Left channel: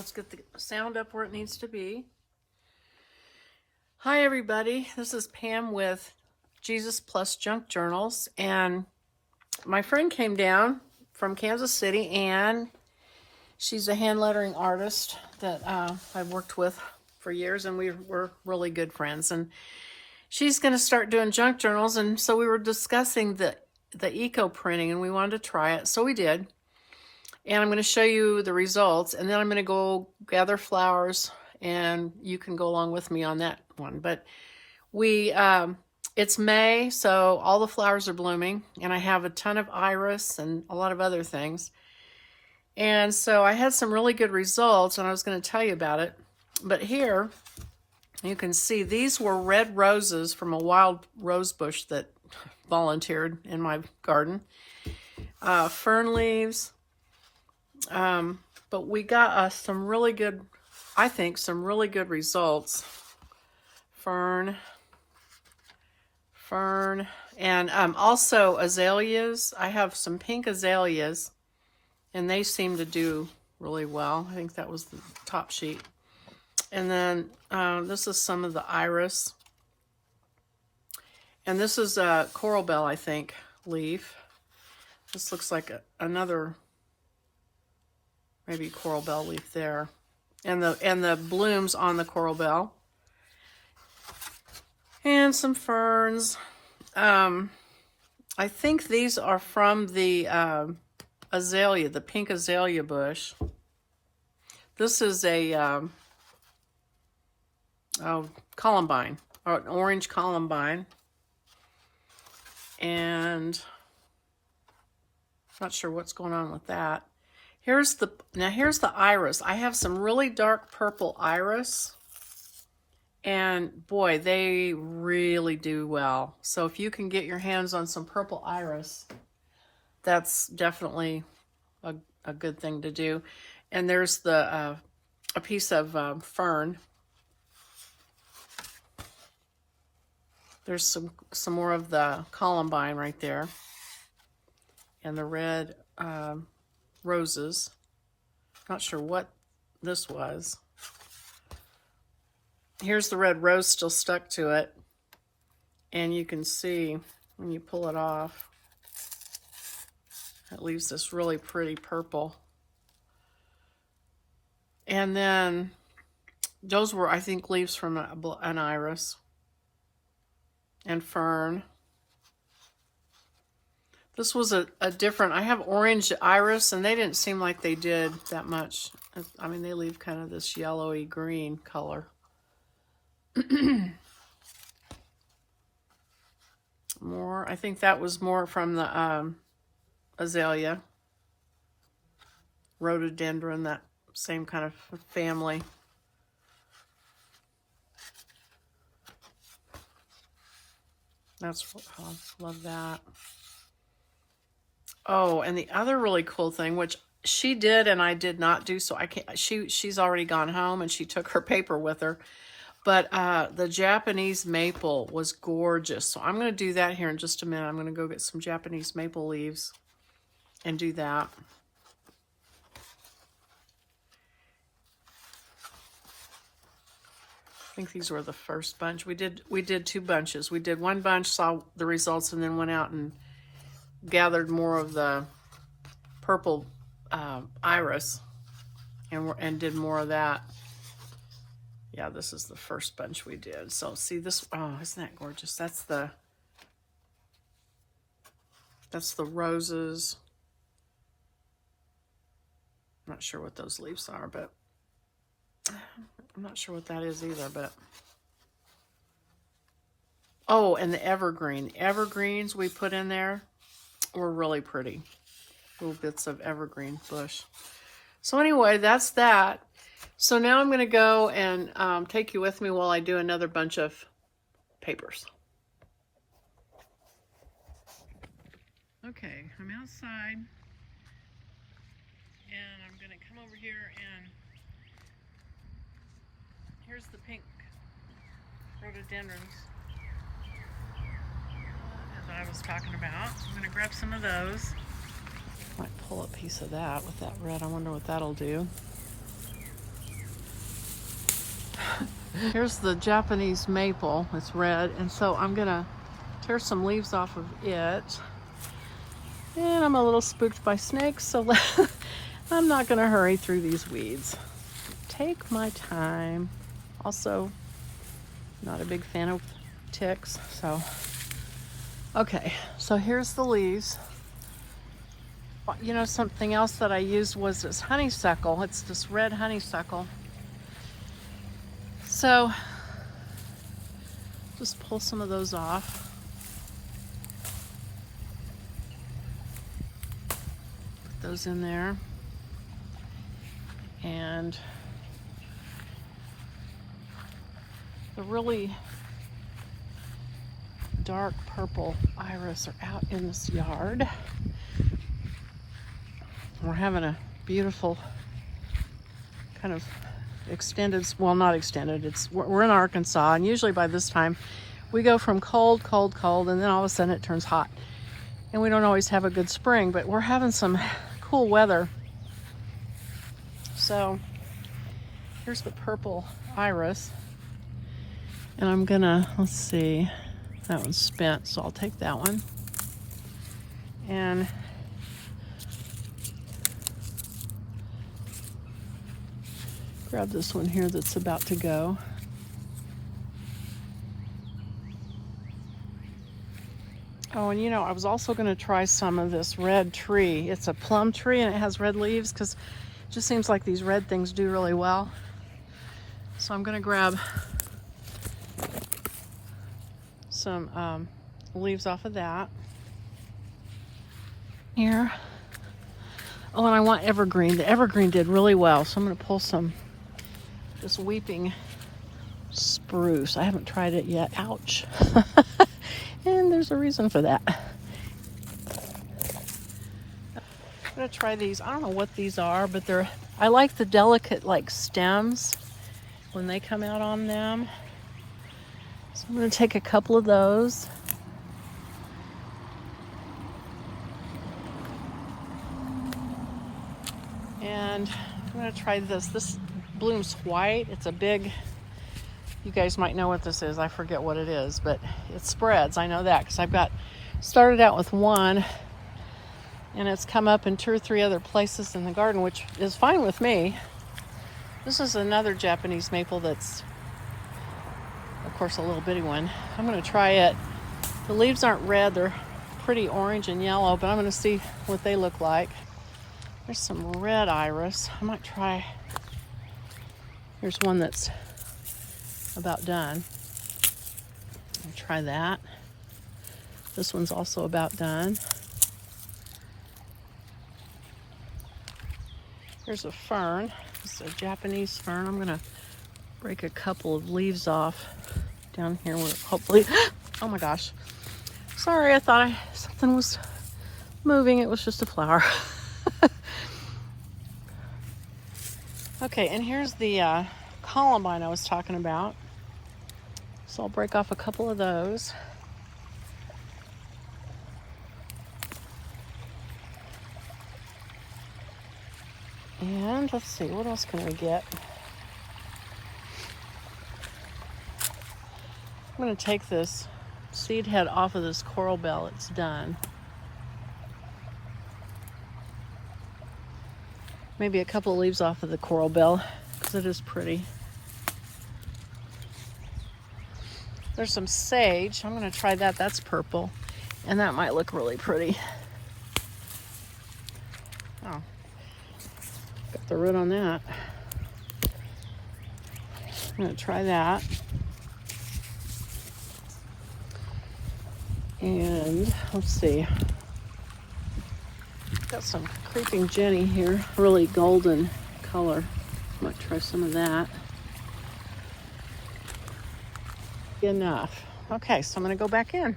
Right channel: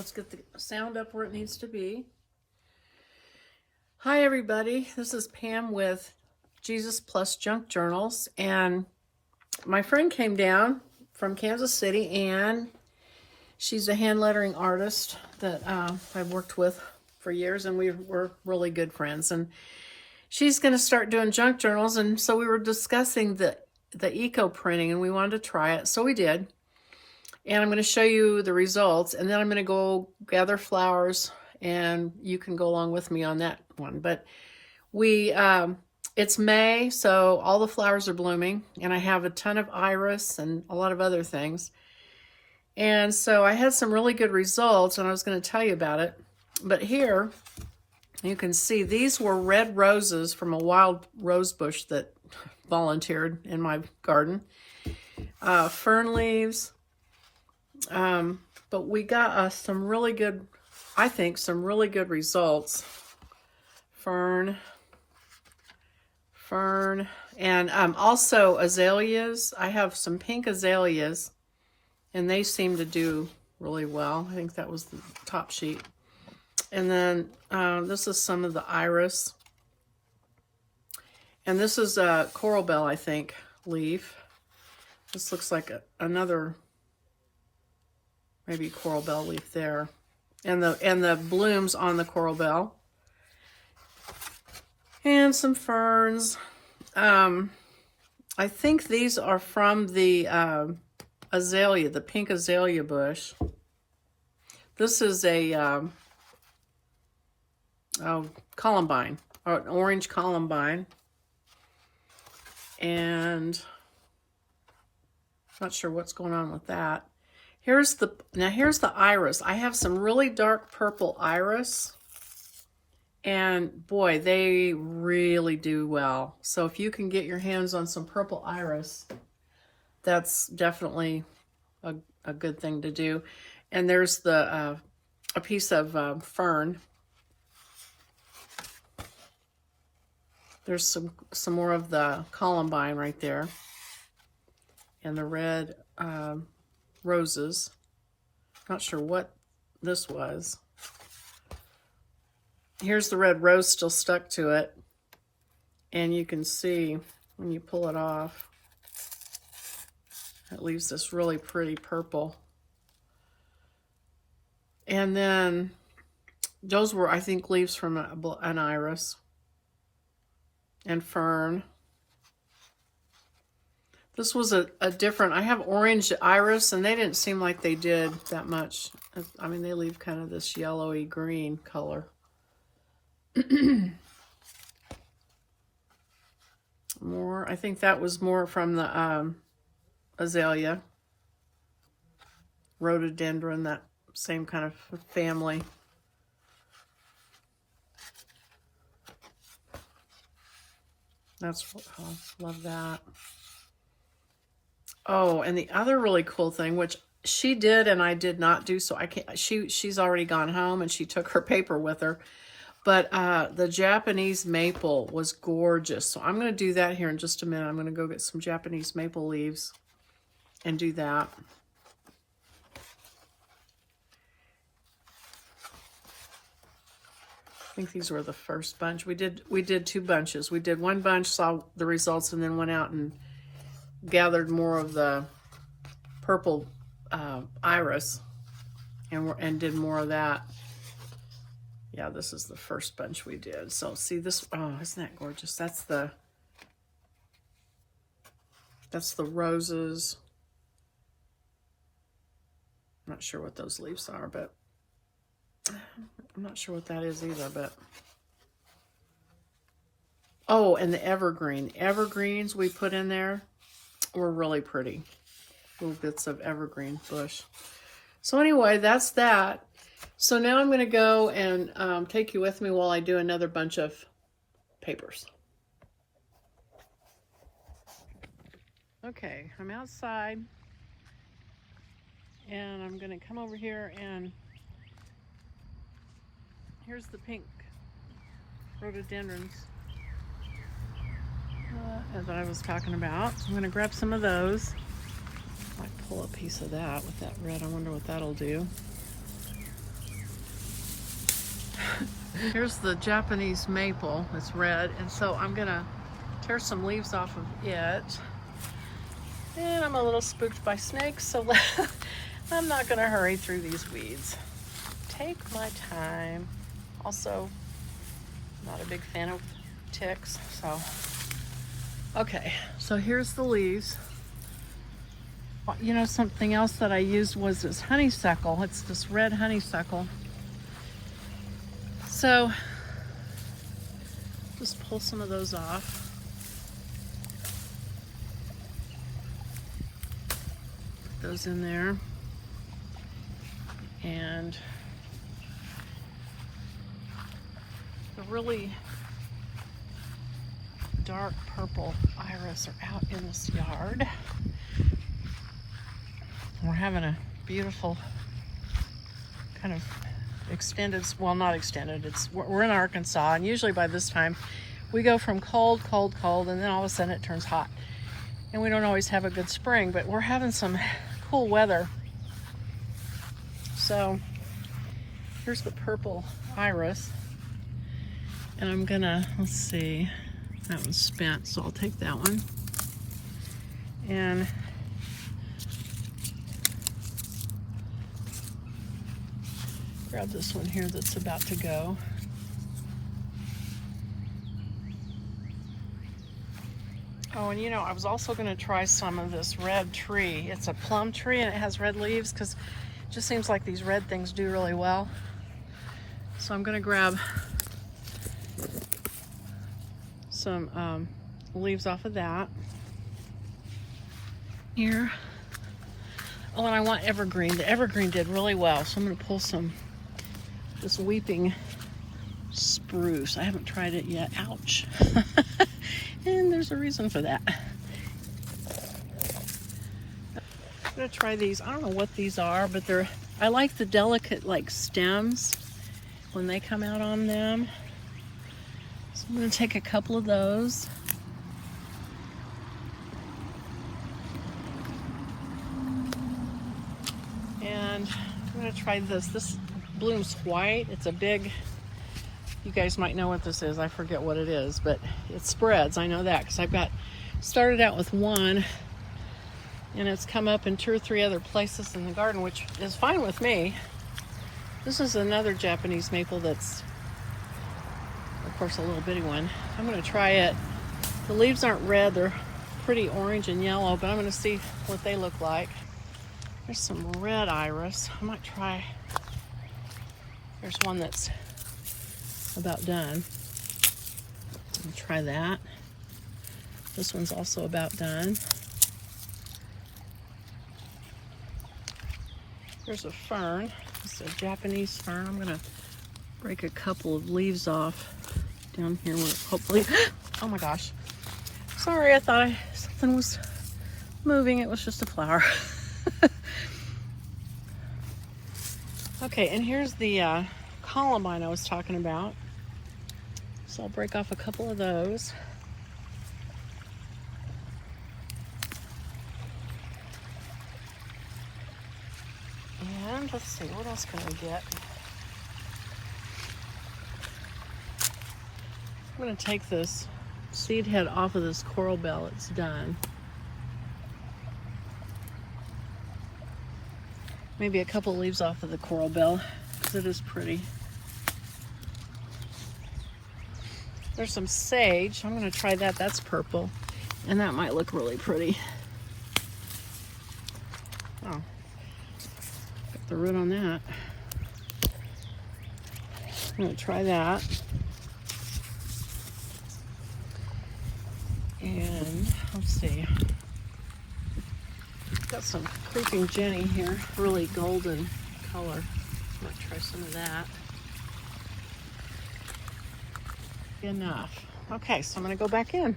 Let's get the sound up where it needs to be. Hi everybody, this is Pam with Jesus Plus Junk Journals, and my friend came down from Kansas City, and she's a hand lettering artist that I've worked with for years, and we're really good friends, and she's going to start doing junk journals. And so we were discussing the eco printing, and we wanted to try it, so we did. And I'm going to show you the results, and then I'm going to go gather flowers, and you can go along with me on that one. But it's May, so all the flowers are blooming, and I have a ton of iris and a lot of other things. And so I had some really good results, and I was going to tell you about it. But here, you can see these were red roses from a wild rose bush that volunteered in my garden. Fern leaves. But we got some really good, I think, some really good results. Fern, and also azaleas. I have some pink azaleas, and they seem to do really well. I think that was the top sheet. And then this is some of the iris. And this is a coral bell, I think, leaf. This looks like another maybe coral bell leaf there. And the blooms on the coral bell. And some ferns. I think these are from the azalea, the pink azalea bush. This is a columbine, or an orange columbine. And not sure what's going on with that. Here's the iris. I have some really dark purple iris, and boy, they really do well. So if you can get your hands on some purple iris, that's definitely a good thing to do. And there's a piece of fern. There's some more of the columbine right there, and the red roses. Not sure what this was. Here's the red rose still stuck to it, and you can see when you pull it off, it leaves this really pretty purple. And then those were, I think, leaves from an iris. And fern. This was a different, I have orange iris, and they didn't seem like they did that much. I mean, they leave kind of this yellowy green color. More, I think that was more from the azalea. Rhododendron, that same kind of family. That's, oh, love that. Oh, and the other really cool thing, which she did and I did not do, so I can't, she's already gone home and she took her paper with her. But the Japanese maple was gorgeous. So I'm going to do that here in just a minute. I'm going to go get some Japanese maple leaves and do that. I think these were the first bunch. We did two bunches. We did one bunch, saw the results, and then went out and gathered more of the purple iris and did more of that. Yeah, this is the first bunch we did. So see this, oh, isn't that gorgeous? That's the roses. I'm not sure what those leaves are, but I'm not sure what that is either, but. Oh, and the evergreens we put in there were really pretty. Little bits of evergreen bush. So anyway, that's that. So now I'm going to go and take you with me while I do another bunch of papers. Okay, I'm outside, and I'm going to come over here, and here's the pink rhododendrons as I was talking about. I'm going to grab some of those. Might pull a piece of that with that red. I wonder what that'll do. Here's the Japanese maple. It's red, and so I'm gonna tear some leaves off of it. And I'm a little spooked by snakes, so I'm not gonna hurry through these weeds. Take my time. Also, not a big fan of ticks, so. Okay, so here's the leaves. You know, something else that I used was this honeysuckle. It's this red honeysuckle. So, just pull some of those off. Put those in there. And the really dark purple iris are out in this yard. We're having a beautiful kind of extended, well, not extended, we're in Arkansas, and usually by this time we go from cold, cold, cold, and then all of a sudden it turns hot. And we don't always have a good spring, but we're having some cool weather. So here's the purple iris, and I'm gonna, let's see, that one's spent, so I'll take that one. And grab this one here that's about to go. Oh, and you know, I was also going to try some of this red tree. It's a plum tree and it has red leaves because it just seems like these red things do really well. So I'm going to grab some leaves off of that. Here. Oh, and I want evergreen. The evergreen did really well, so I'm going to pull some this weeping spruce. I haven't tried it yet. Ouch. And there's a reason for that. I'm gonna try these. I don't know what these are, but I like the delicate like stems when they come out on them. So I'm gonna take a couple of those. And I'm gonna try this. This blooms white. It's a big, you guys might know what this is. I forget what it is, but it spreads. I know that because I've got started out with one, and it's come up in 2 or 3 other places in the garden, which is fine with me. This is another Japanese maple that's, of course, a little bitty one. I'm going to try it. The leaves aren't red. They're pretty orange and yellow, but I'm going to see what they look like. There's some red iris. I might try. Here's one that's about done. I'll try that. This one's also about done. Here's a fern. It's a Japanese fern. I'm gonna break a couple of leaves off down here where hopefully, oh my gosh. Sorry, I thought something was moving. It was just a flower. Okay, and here's the columbine I was talking about. So I'll break off a couple of those. And let's see, what else can we get? I'm going to take this seed head off of this coral bell. It's done. Maybe a couple of leaves off of the coral bell because it is pretty. There's some sage. I'm going to try that. That's purple. And that might look really pretty. Oh, got the root on that. I'm going to try that. And let's see. Got some creeping Jenny here. Really golden color. Might try some of that. Enough. Okay, so I'm going to go back in.